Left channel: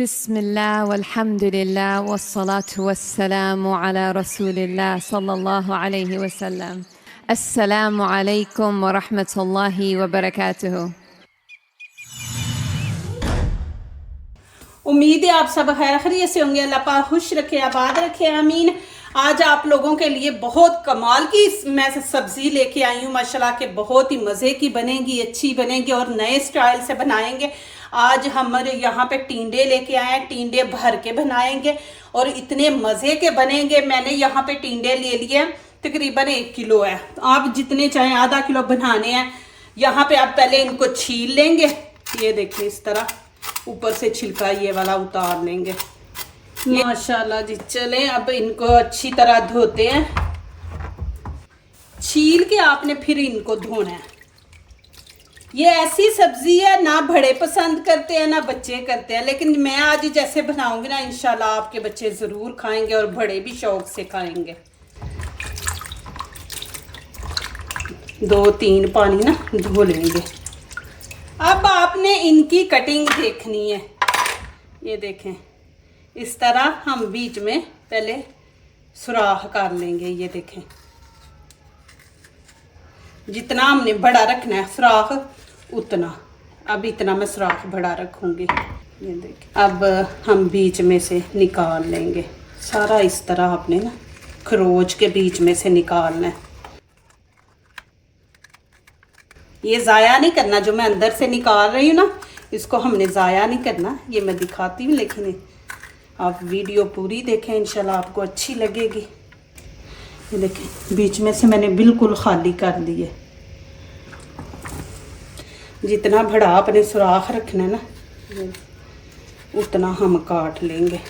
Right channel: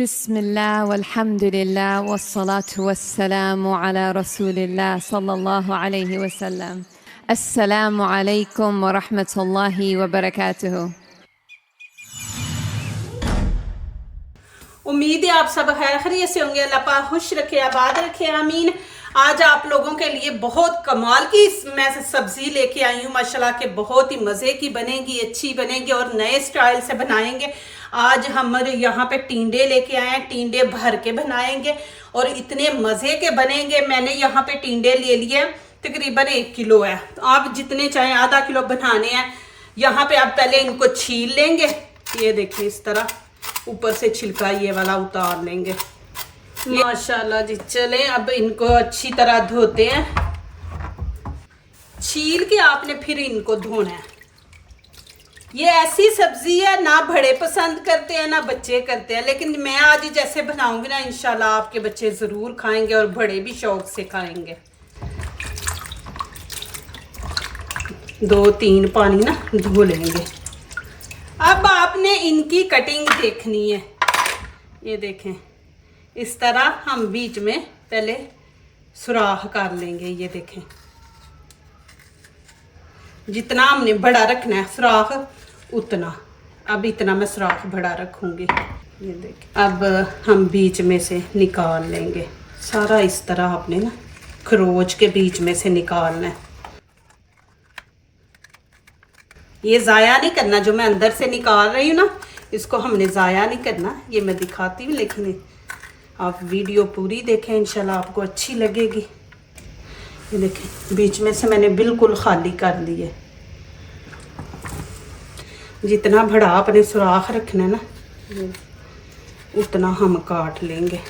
बिस्मिल्लाह वल्हम्दुलिल्लाह वस्सलातु वस्सलामु अला रसूलिल्लाह सल्लल्लाहु अलैहि वसल्लम। अस्सलामु अलैकुम व रहमतुल्लाहि व बरकातुहू। उम्मीद है आप सब खैर खैरियत से होंगे। अल्लाह पाक खुश रखे, आबाद रखे, आमीन। आज आप लोगों के लिए बहुत कमाल की मैं सब्जी लेके आई हूँ माशाल्लाह के, बहुत ही मज़े की बनेगी, अच्छी बनेगी और नए स्टाइल से बनाएंगे। आज हमारे यहाँ पे टींडे लेके आए हैं, टींडे भर के बनाएंगे और इतने मज़े के बनेंगे। मैंने यहाँ पे टींडे ले लिए, तकरीबन 1 किलो है। आप जितने चाहें, आधा किलो बनाने हैं। यहाँ पे आप पहले इनको छील लेंगे, ये देखिए इस तरह ऊपर से छिलका ये वाला उतार लेंगे। माशाल्लाह जी। चलें अब इनको अच्छी तरह धोते हैं, छील के आपने फिर इनको धोना है। ये ऐसी सब्जी है ना बड़े पसंद करते हैं ना बच्चे करते हैं, लेकिन मैं आज जैसे बनाऊंगी ना इंशाल्लाह आपके बच्चे ज़रूर खाएंगे और बड़े भी शौक से खाएंगे। 2-3 पानी ना धो लेंगे। अब आपने इनकी कटिंग देखनी है। ये देखें इस तरह हम बीच में पहले सुराख कर लेंगे। ये देखें जितना हमने बड़ा रखना है सुराख उतना। अब इतना मैं सुराख बड़ा रखूंगी। ये देखें अब हम बीच में से निकाल लेंगे सारा। इस तरह आपने ना खरोच के बीच में से निकालना है। ये ज़ाया नहीं करना, जो मैं अंदर से निकाल रही हूँ ना इसको हमने ज़ाया नहीं करना। ये मैं दिखाती हूँ, लेकिन आप वीडियो पूरी देखें, इंशाल्लाह आपको अच्छी लगेगी। ये देखें बीच में से मैंने बिल्कुल खाली कर ली है। जितना बड़ा अपने सुराख रखना है ना उतना हम काट लेंगे।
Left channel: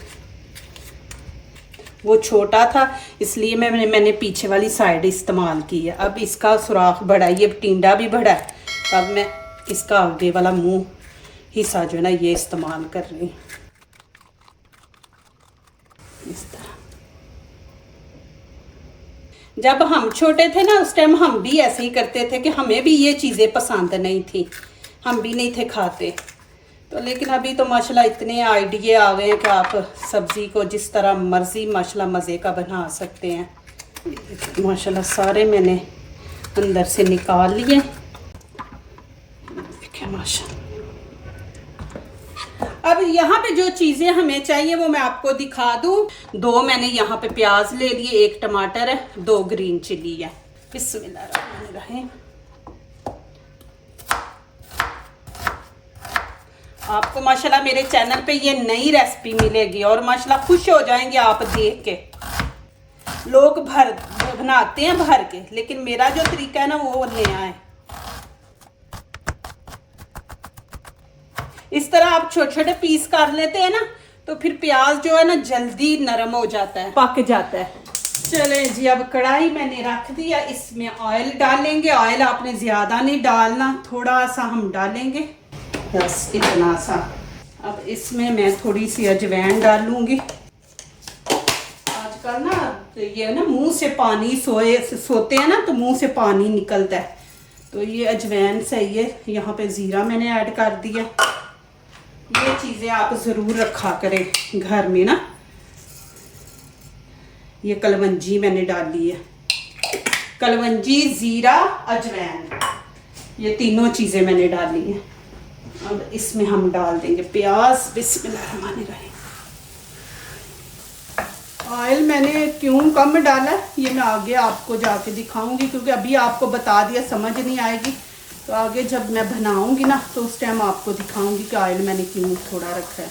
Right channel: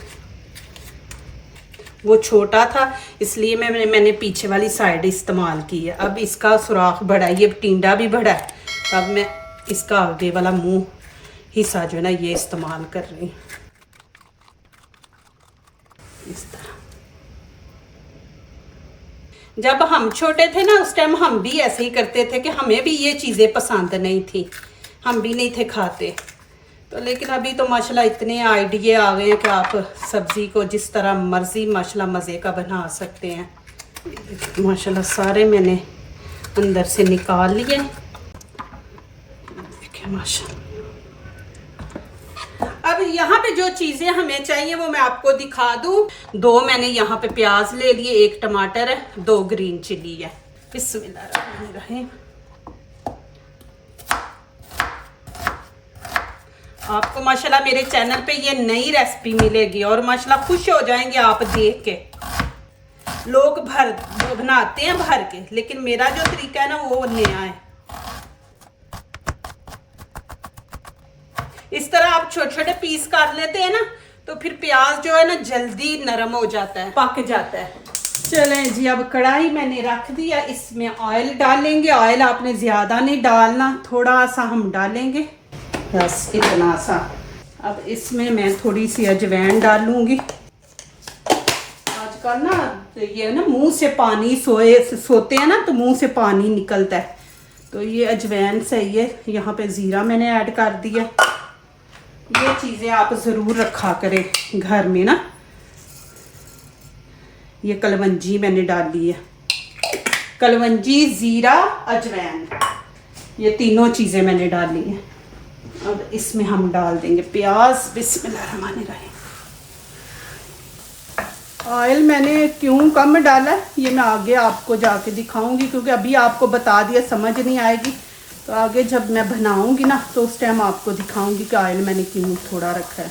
वो छोटा था इसलिए मैंने पीछे वाली साइड इस्तेमाल की है। अब इसका सुराख बड़ा है, ये टिंडा भी बड़ा है। अब मैं इसका आगे वाला मुंह हिस्सा जो है ना ये इस्तेमाल कर रही हूँ। इस तरह जब हम छोटे थे ना उस टाइम हम भी ऐसे ही करते थे कि हमें भी ये चीज़ें पसंद नहीं थी, हम भी नहीं थे खाते। तो लेकिन अभी तो माशाल्लाह इतने आइडिये आ गए हैं कि आप सब्ज़ी को जिस तरह मर्ज़ी माशाल्लाह मज़े का बना सकते हैं। माशाल्लाह सारे मैंने अंदर से निकाल लिए। देखिए माशाल्लाह। अब यहाँ पे जो चीज़ें हमें चाहिए वो मैं आपको दिखा दूँ। 2 मैंने यहाँ पे प्याज ले लिए, 1 टमाटर है, 2 ग्रीन चिली है। बिस्मिल्लाहिर्रहमानिर्रहीम। आपको माशाल्लाह मेरे चैनल पे ये नई रेसिपी मिलेगी और माशाल्लाह खुश हो जाएंगे आप देख के। लोग बनाते हैं भर के, लेकिन मेरा जो तरीका है ना वो नया है। इस तरह आप छोटे छोटे पीस कर लेते हैं ना तो फिर प्याज जो है ना जल्दी नरम हो जाता है, पक जाता है। चलें जी अब कढ़ाई मैंने रख दिया, इसमें ऑयल डालेंगे। ऑयल आपने ज़्यादा नहीं डालना, थोड़ा सा हम डालेंगे, बस इतना सा। अब इसमें मैं थोड़ी सी अजवाइन डालूंगी। आजकल ना तो ये ना मुंह से पानी सोते हैं ना तो मुंह से पानी निकलता है, तो ये अजवाइन सही है। यहाँ पे ज़ीरा मैंने ऐड कर दिया। ये चीज़ें आप ज़रूर रखा करें घर में ना। ये कलवंजी मैंने डाली है, कलवंजी, ज़ीरा, अजवाइन, ये तीनों चीज़ें मैंने डाली हैं। अब इसमें हम डाल देंगे प्याज। बिस्मिल्लाहिर्रहमानिर्रहीम। ऑयल मैंने क्यों कम डाला ये मैं आगे आपको जाके दिखाऊंगी, क्योंकि अभी आपको बता दिया समझ नहीं आएगी। तो आगे जब मैं बनाऊंगी ना तो उस टाइम आपको दिखाऊंगी कि ऑयल मैंने क्यों थोड़ा रखा है।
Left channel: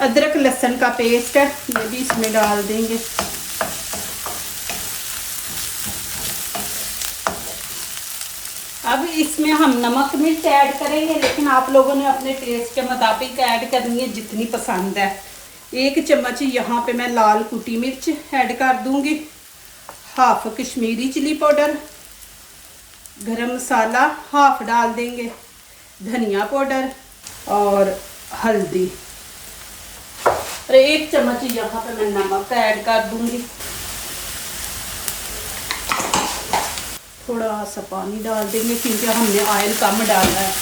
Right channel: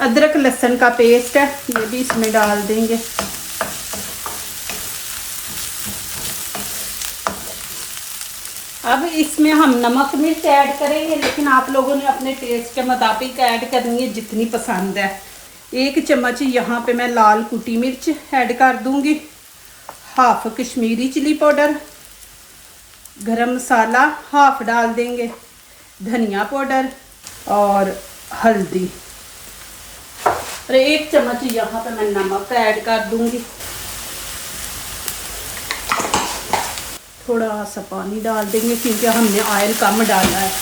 अदरक लहसुन का पेस्ट है, ये भी इसमें डाल देंगे। अब इसमें हम नमक मिर्च ऐड करेंगे, लेकिन आप लोगों ने अपने टेस्ट के मुताबिक ऐड करनी है जितनी पसंद है। 1 चम्मच यहाँ पे मैं लाल कुटी मिर्च ऐड कर दूंगी, हाफ कश्मीरी चिली पाउडर, गरम मसाला हाफ डाल देंगे, धनिया पाउडर और हल्दी, और 1 चम्मच यहाँ पे मैं नमक ऐड कर दूंगी। थोड़ा सा पानी डाल देंगे क्योंकि हमने ऑयल कम डाला है।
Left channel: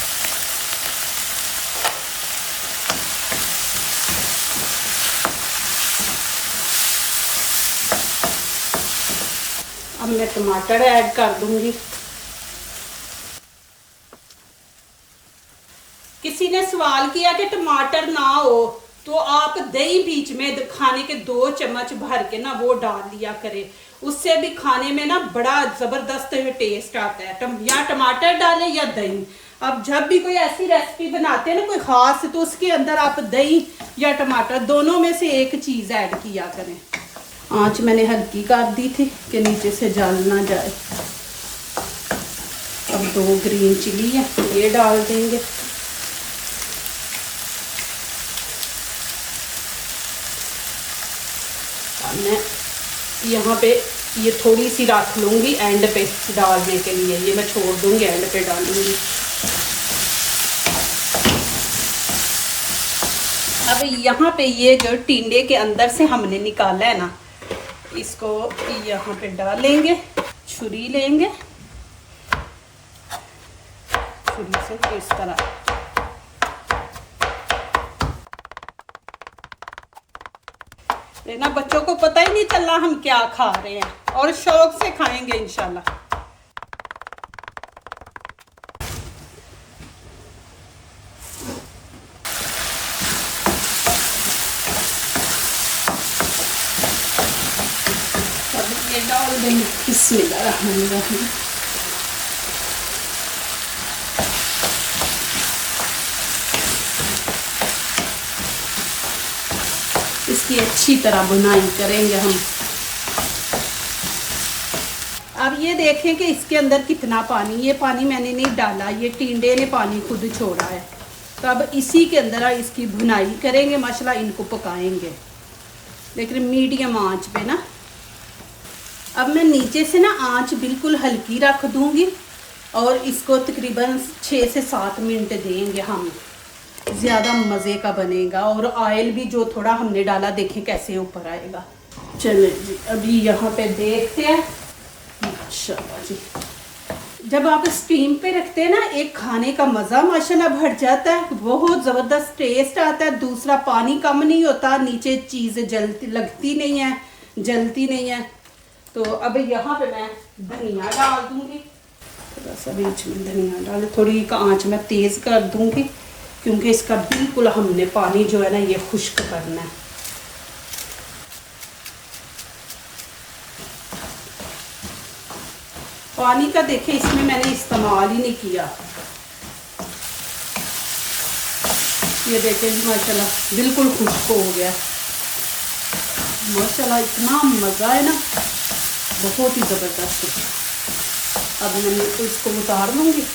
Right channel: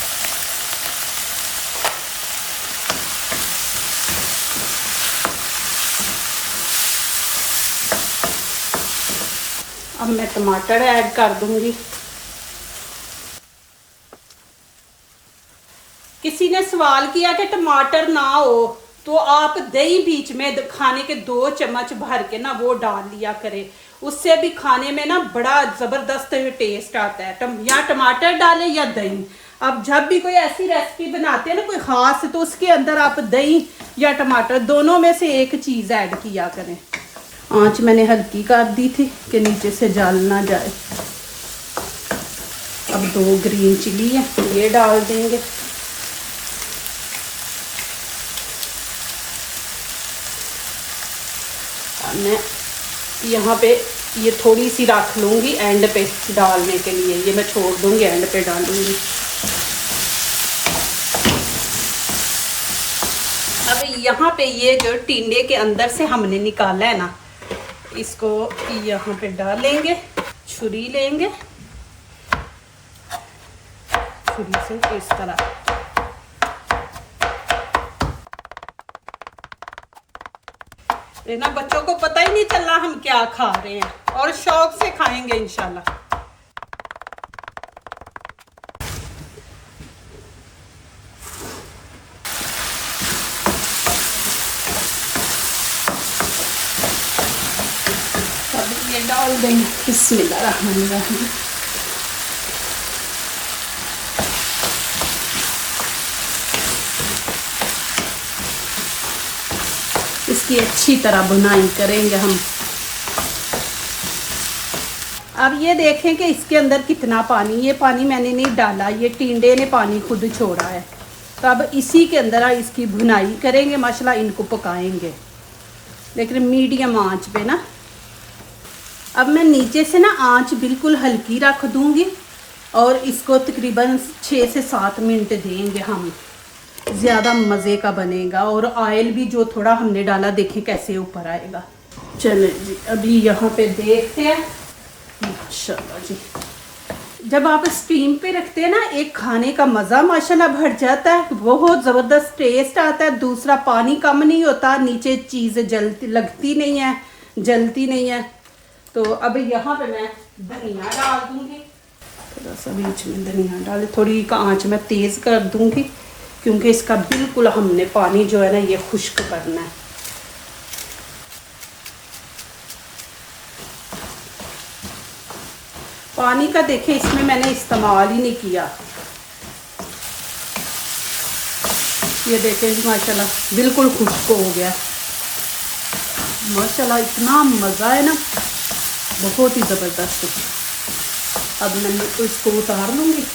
अब मैं टमाटर ऐड कर दूंगी। किसी ने सवाल किया कि टमाटर ना हो तो आप दही बीच में खाने के 2 चम्मच भर के ना वो डाल लिया करें, उससे भी खाने में ना बड़ा ज़बरदस्त टेस्ट आता है। या टमाटर डालें या दही। अब जब भी कोई ऐसी रेसिपी बनाते हैं ना कोई ख़ास, तो उसके अंदर आप दही या टमाटर दोनों में से एक चीज़ ऐड किया करें। आँच मैंने हल्की कर दी थी कि नीचे से जल ना जाए। अब 2 ग्रीन चिली है, ये डाल देंगे। मैं यहाँ पे ये थोड़ी सी रख लूँगी एंड पे डालने के लिए, ये मैं छोड़ दूँगी, एंड पे डालूँगी। अब यहाँ पे ये जो टिंडे के अंदर से हमने निकाला है ना, इसको यहाँ पे डालेंगे, छुरी लेंगे, छुरी से इस तरह ना, बच्चों को पता ही नहीं चला हम क्या खा रहे हैं और शौक से खाएंगे इंशाल्लाह। ये डाल देंगे, बिस्मिल्लाहिर्रहमानिर्रहीम। इसकी अच्छी तरह बुनाई करेंगे हम। अब ये देखें कि इसके अंदर कितना पानी, ये पानी मैंने नहीं डाला, ये टिंडे ने पानी खुद छोड़ा है। तो अब इसी के अंदर इसकी भुनाई करेंगे माशाल्लाह, इनको पकाएंगे लेकिन मीडियम आंच पे ना। अब मैं नीचे से ना आंच बिल्कुल हल्की रख दूंगी और इसको तकरीबन 6 से 7 मिनट देंगे हम। ज़्यादा मज़े का बनेगा और ऑयल भी जो थोड़ा हमने डाला देखें कैसे ऊपर आएगा। चलो जी, अभी यहाँ पे देखते हैं। माशाल्लाह जी, जब आप स्टीम पे रखते हैं ना, एक खाने का मज़ा माशाल्लाह बढ़ जाता है, बहुत ज़बरदस्त टेस्ट आता है। दूसरा पानी कम नहीं होता, नीचे चीज़ जलती लगती नहीं है, जलती नहीं है। तो अब यहाँ पे मैं धनिया डाल दूँगी, थोड़ा सा बीच में धनिया डाले, थोड़ी आँच मैं तेज़ कर दूँगी क्योंकि इसका बिल्कुल हमने पानी जो है ना ये खुश्क करना है। पानी का देखें इसमें मैंने इस्तेमाल ही नहीं किया। ये देखें माशाल्लाह बिल्कुल खुश्क हो गया। माशाल्लाह इतना मज़ा है ना, बहुत ही ज़बरदस्त। अब मैं इसको उतार लूँगी,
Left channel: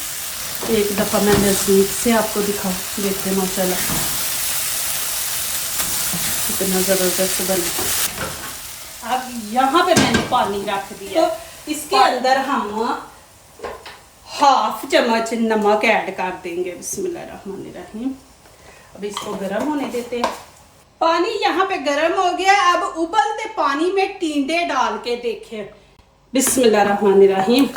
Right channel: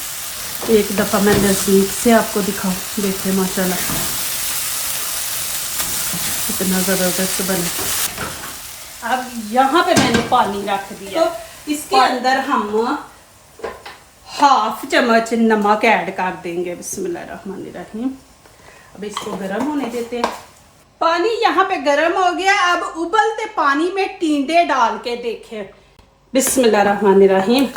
एक दफ़ा मैं नज़दीक से आपको दिखा देते माशाल्लाह कितना ज़बरदस्त बना। अब यहाँ पे मैंने पानी रख दिया, तो इसके अंदर हम 1/2 चम्मच नमक ऐड कर देंगे। बिस्मिल्लाहिर्रहमानिर्रहीम। अब इसको गर्म होने देते हैं। पानी यहाँ पे गर्म हो गया। अब उबलते पानी में टिंडे डाल के देखें। बिस्मिल्लाहिर्रहमानिर्रहीम।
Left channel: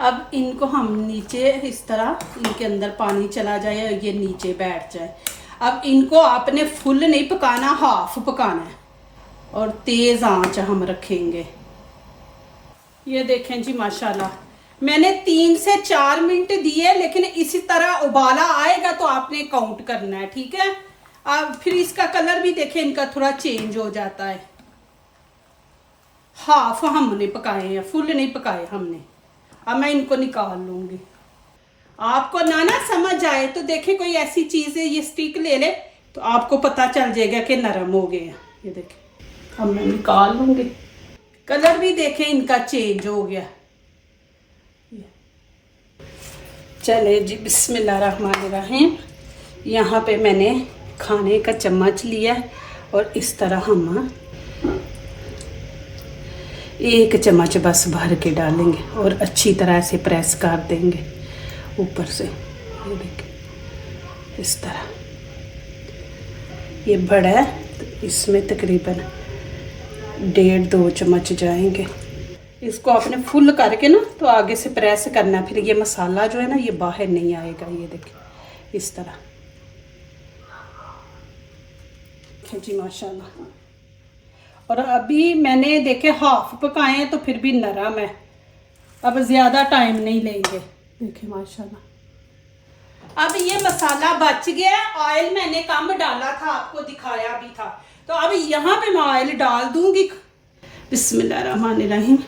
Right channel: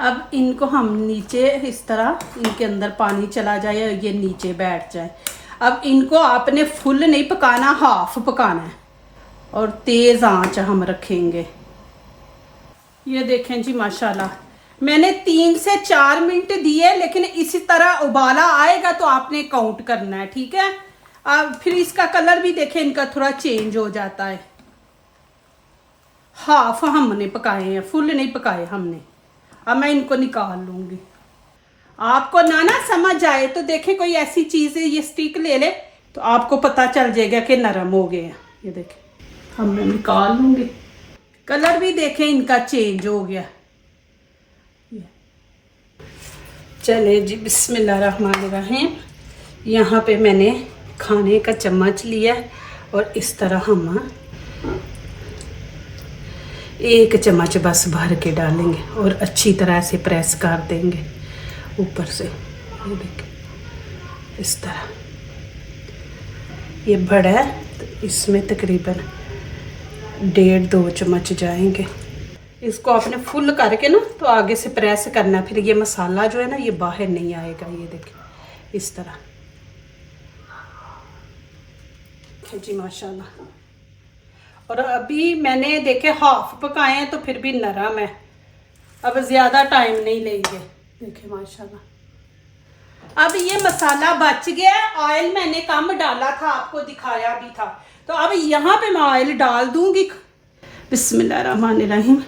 अब इनको हम नीचे इस तरह, इनके अंदर पानी चला जाए और ये नीचे बैठ जाए। अब इनको आपने फुल नहीं पकाना, हाफ पकाना है और तेज़ आंच हम रखेंगे। ये देखें जी माशाल्लाह, मैंने 3 से 4 मिनट दिए, लेकिन इसी तरह उबाला आएगा तो आपने काउंट करना है, ठीक है। अब फिर इसका कलर भी देखें, इनका थोड़ा चेंज हो जाता है। हाफ हमने पकाए हैं, फुल नहीं पकाए हमने। अब मैं इनको निकाल लूँगी। आपको ना समझ आए तो देखें कोई ऐसी चीज़ है, ये स्टिक ले ले तो आपको पता चल जाएगा कि नरम हो गए हैं। ये देखें, अब मैं निकाल लूँगी। कलर भी देखें इनका चेंज हो गया। चले जी, बिस्मिल्लाहिर्रहमानिर्रहीम। यहाँ पे मैंने खाने का चम्मच लिया और इस तरह हम 1 चम्मच बस भर के डालेंगे और अच्छी तरह से प्रेस कर देंगे ऊपर से। ये देखिए इस तरह। ये बड़ा है तो इसमें तकरीबन 1.5-2 चम्मच जाएंगे। इसको आपने फुल करके ना तो आगे से प्रेस करना, फिर ये मसाला जो है ना ये बाहर नहीं आएगा। ये देखिए इस तरह जी माशाल्लाह। और अभी मैंने देखे हाफ पकाए हैं तो फिर भी नरम है। अब ज़्यादा टाइम नहीं लेंगे। देखिए माशाल्लाह। अब ये मसाला बच गया। ऑयल मैंने कम डाला था, आपको दिखाया भी था। तो अब यहाँ पे मैं ऑयल डाल दूंगी। बिस्मिल्लाहिर्रहमानिर्रहीम।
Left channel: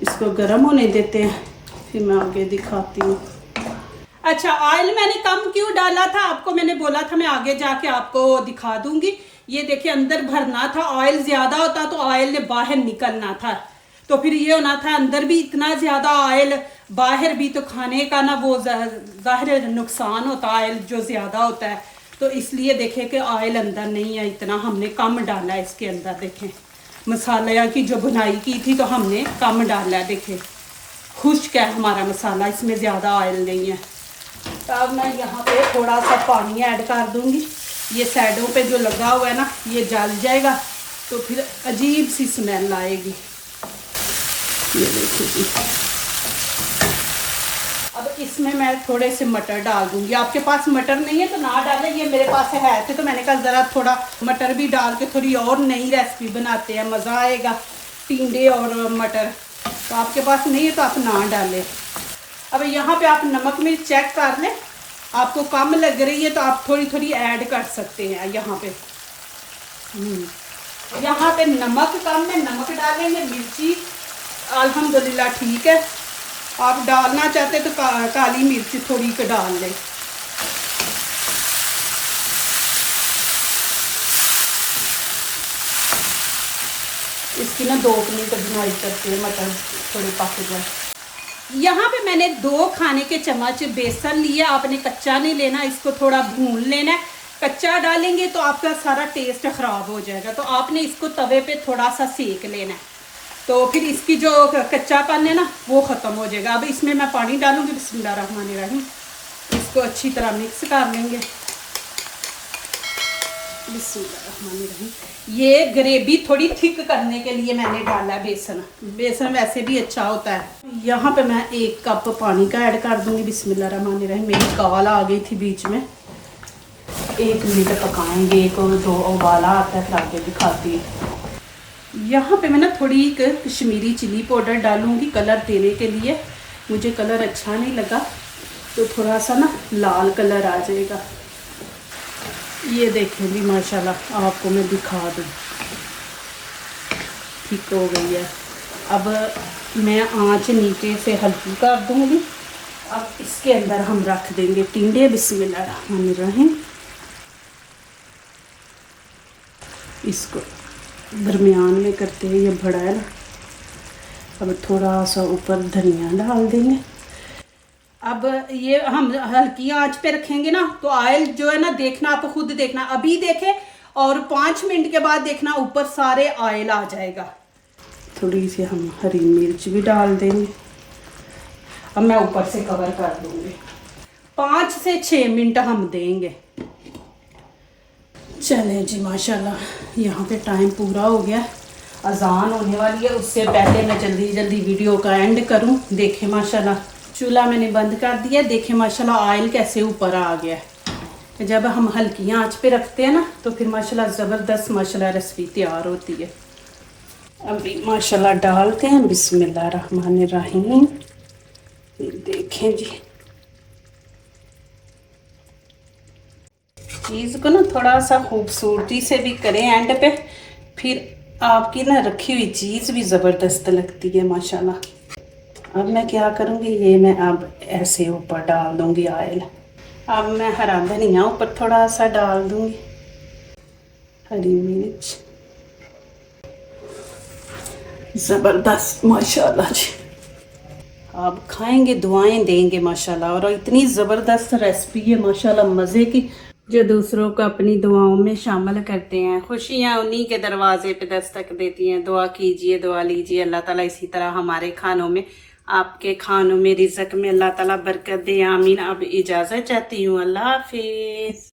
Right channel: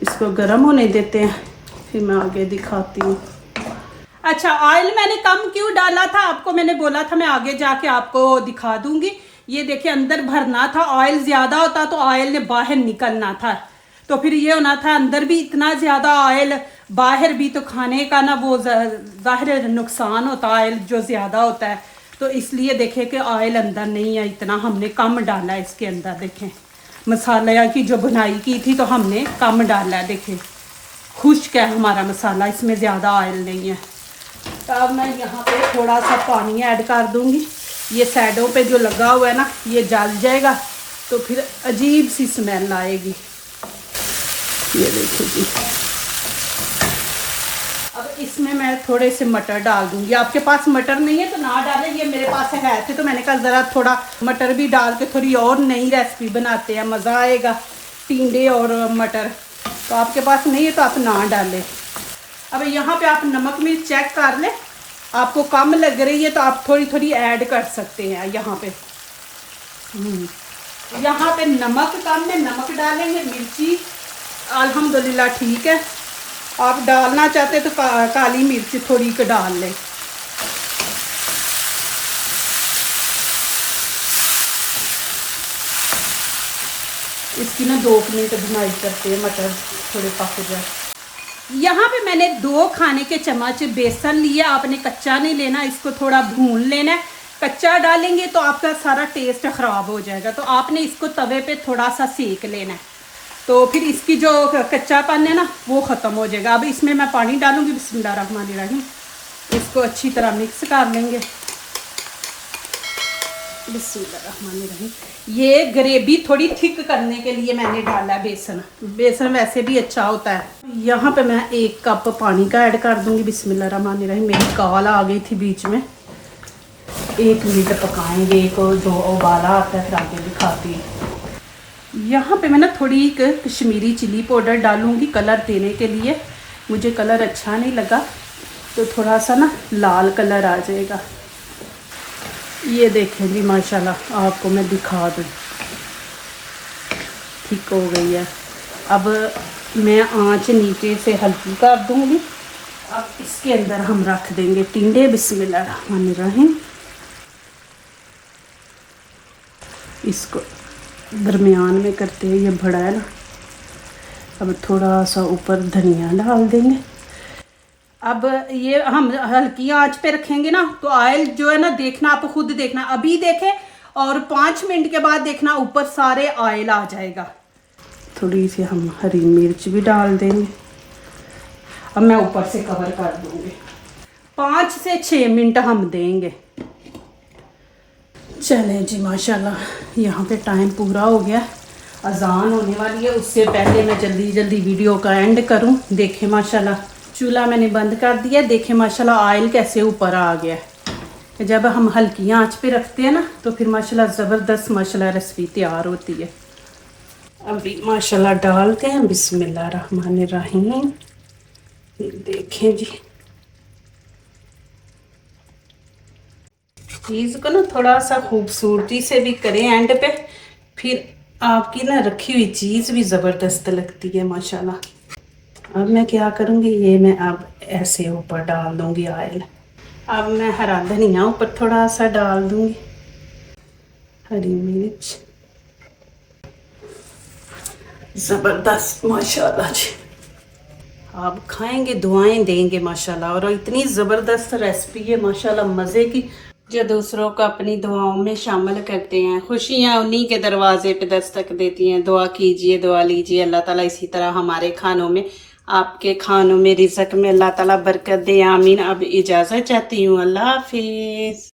इसको गर्म होने देते हैं, फिर मैं आगे दिखाती हूँ। अच्छा, ऑयल मैंने कम क्यों डाला था, आपको मैंने बोला था मैं आगे जाके आपको दिखा दूंगी। ये देखिए अंदर भरना था, ऑयल ज़्यादा होता तो ऑयल ने बाहर निकलना था, तो फिर ये होना था अंदर भी इतना ज़्यादा ऑयल, बाहर भी, तो खाने का ना वो ज़ाहिर नुकसान होता ऑयल जो ज़्यादा होता है। तो इसलिए देखें कि ऑयल अंदर नहीं है, इतना हमने कम डाला है इसके अंदर। देखें मसाला की जो बुनाई की थी तो हमने कम डाला है। देखें खुश्क है हमारा मसाला, इसमें ज़्यादा ऑयल नहीं है। तो अब मैं यहाँ पे थोड़ा सा पानी ऐड कर दूँगी। ये साइडों पे जो लगा हुआ है ना ये जल जाएगा, तो फिर अजीब सी स्मेल आएगी। ये देखिए जी। अब इसमें मैं थोड़े से मटर डाल दूँगी। आपके पास मटर नहीं है तो ना डालें, ये मेरे पास है थे तो मैंने कहा ज़रा थोड़ा मटर भी डाल के थोड़ी और नई रेसिपी बनाते हैं, मज़ा आएगा। टिंडे और मटर, तो आपके पास नहीं है तो आप ना डालें। अब यहाँ पे आप नमक मिर्च चेक कर लें, आपको कम लग रही है तो आप थोड़ी थोड़ी ऐड कर सकते हैं। यहाँ पे नमक कम है, नमक डालेंगे। मिर्ची अल्हम्दुलिल्लाह ठीक है। आप डालना चाहते तो काली मिर्च थोड़ी को डाल लें। इसकी ना 2 मिनट बुनाई करते हैं, मटर थोड़े पक जाए। यहाँ पे मैंने 2 खाने के चम्मच बेसन लिया। आपने कच्चा नहीं लेना, इसको थोड़ा भून लेना है। कच्चा डालेंगे तो आपका सारा टेस्ट ख़राब हो जाएगा, तो आपने इसको तवे पे थोड़ा सा सेक लेना है, तो फिर इसकी जो कच्चापन है ना वो ख़त्म हो जाएगा। अब इसमें मैं पानी डालूंगी। बिस्मिल्लाहिर्रहमानिर्रहीम। इसको अच्छी तरह मिक्स कर लेंगे। बिस्मिल्लाहिर्रहमानिर्रहीम। ये ग्रेवी थोड़ी थिक करने के लिए मैंने डाला है बेसन। बेसन वैसे भी अच्छा होता है। यहाँ पे मैं 1 कप पानी का ऐड कर दूंगी। बिस्मिल्लाहिर्रहमानिर्रहीम। मेरी कॉल आ गई थी बीच में। 1 मिनट पकाएंगे, 1-2 उबाला आता है, फिर आगे दिखाती हूँ। यहाँ पे मैं ना थोड़ी कश्मीरी चिली पाउडर डालूंगी कलर देने के लिए। मुझे कलर अच्छा नहीं लगा तो थोड़ा सा ना लाल कलर आ जाएगा। ये देखें जी माशाल्लाह, आपको मैं दिखा दूँ, ठीक हो गई है। अब मैं आंच नीचे से हल्की कर दूँगी। अब इसके अंदर हम रख देंगे टिंडे। बिस्मिल्लाहिर्रहमानिर्रहीम। इसको दरमियान में करते हैं, ये बड़ा है ना। अब थोड़ा सा ऊपर धनिया डाल देंगे। अब ये हम हल्की आंच पे रखेंगे ना तो ऑयल जो है ना, देखना आप खुद देखना, अभी देखें और 5 मिनट के बाद देखना ऊपर सारे ऑयल आ जाएगा। थोड़ी सी हम हरी मिर्च भी डाल देंगे। अब मैं ऊपर से कवर कर दूंगी। 5 से 6 मिनट हम देंगे। चलें जी माशाल्लाह, यहाँ पे टाइम पूरा हो गया, अजान होने वाली है। उससे पहले मैं जल्दी जल्दी वीडियो का एंड करूँ। देखें माशाल्लाह चूल्हा मैंने बंद कर दिया। देखें माशाल्लाह ऑयल कैसे ऊपर आ गया। जब हम हल्की आंच पे रखते हैं ना तो फिर माशाल्लाह ज़बरदस्त माशाल्लाह रेसिपी तैयार होती है। अभी माशाल्लाह डालते हैं। बिस्मिल्लाहिर्रहमानिर्रहीम। देखें जी, चीज़ को ना थोड़ा सा खूबसूरती से भी करें एंड पे, फिर आपकी ना रखी हुई चीज़ भी ज़बरदस्त लगती है माशाल्लाह। अब मैं क्या करूँगी, ये मैं अब ऐसे ऊपर डाल दूँगी ऑयल। अब मैं हरा धनिया ऊपर थोड़ा सा डाल दूँगी, हरी मिर्च। ज़बरदस्त माशाल्लाह जी, आप खाएंगे दुआएं देंगे माशाल्लाह। और इतनी ज़बरदस्त रेसिपी है माशाल्लाह, मज़े की, जो दूसरों को अपनी दुआओं में शामिल करते हैं। खुशियाँ उन्हीं के दरवाजे पे दस्तक देती हैं। दुआ कीजिए, दुआ लीजिए, अल्लाह ताला इसी तरह हमारे खानों में, आपके खानों में, रिज़्क़ में अल्लाह ताला बरकत दे। आमीन। अब इजाज़त चाहती हूँ। अल्लाह हाफिज़।